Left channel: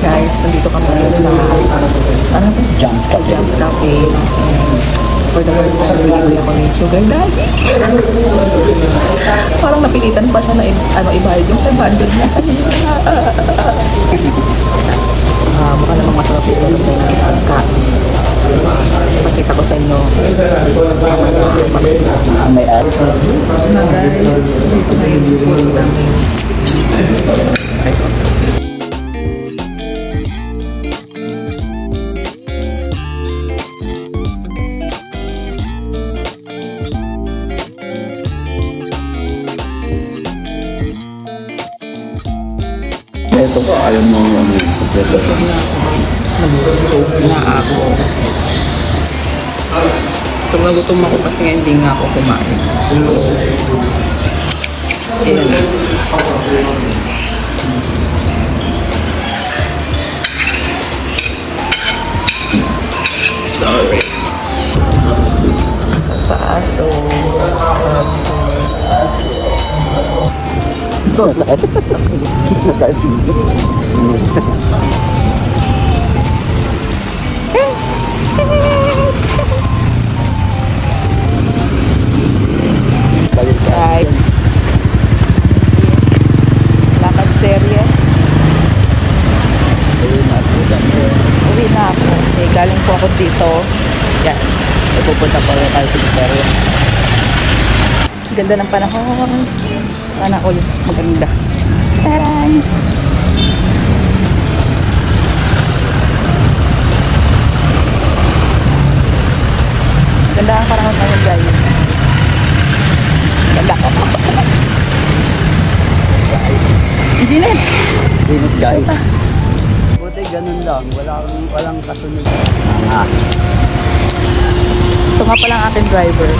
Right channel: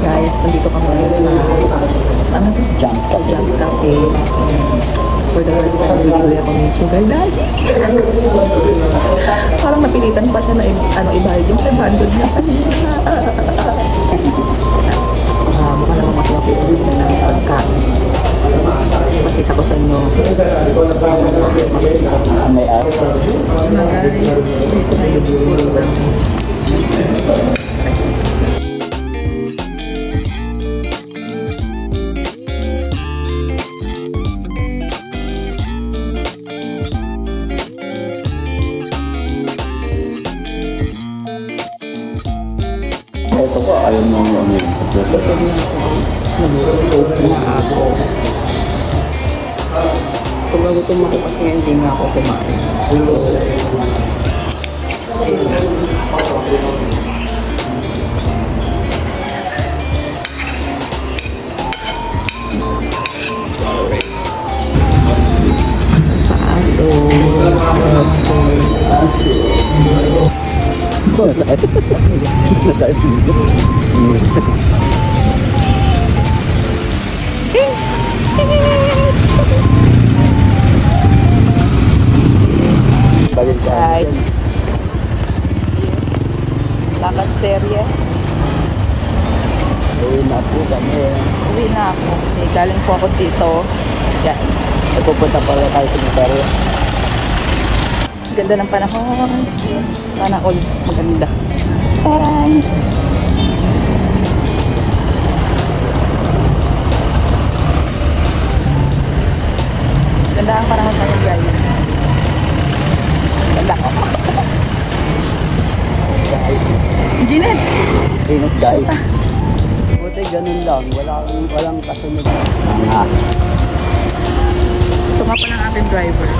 Guys, nandito kami ngayon sa ano to? Jams Cafe. For the first time, bibili ako ng sugar daddy. Parang napilitan pa siya na ibayad yung 500 niya kanina. Mukha namang masarap yung pagkain. Pakita ko sa inyo. May araw. Na guys, dito na yung food namin. Pakita ko sa inyo. Ito ko, ayaw mo ano. Busog na ako guys. Nabusog na ako. Gutom na gutom ako kasi nga hindi nga ako kumain. So, ayan. Sorry. Sa aso. Guys, lakad serye. Uwi na ako kasi galing po ako dito. Yan. Pupunta pa rin tayo sa Victoria. Ganda ng panahon. Sana all maganda. Taray! Ganda ang panahon ngayon guys. Ganda ko. Ginit! Init guys. Shota. Buti ganun lang. Walang kasunod. Ito nga pala ang aking driver.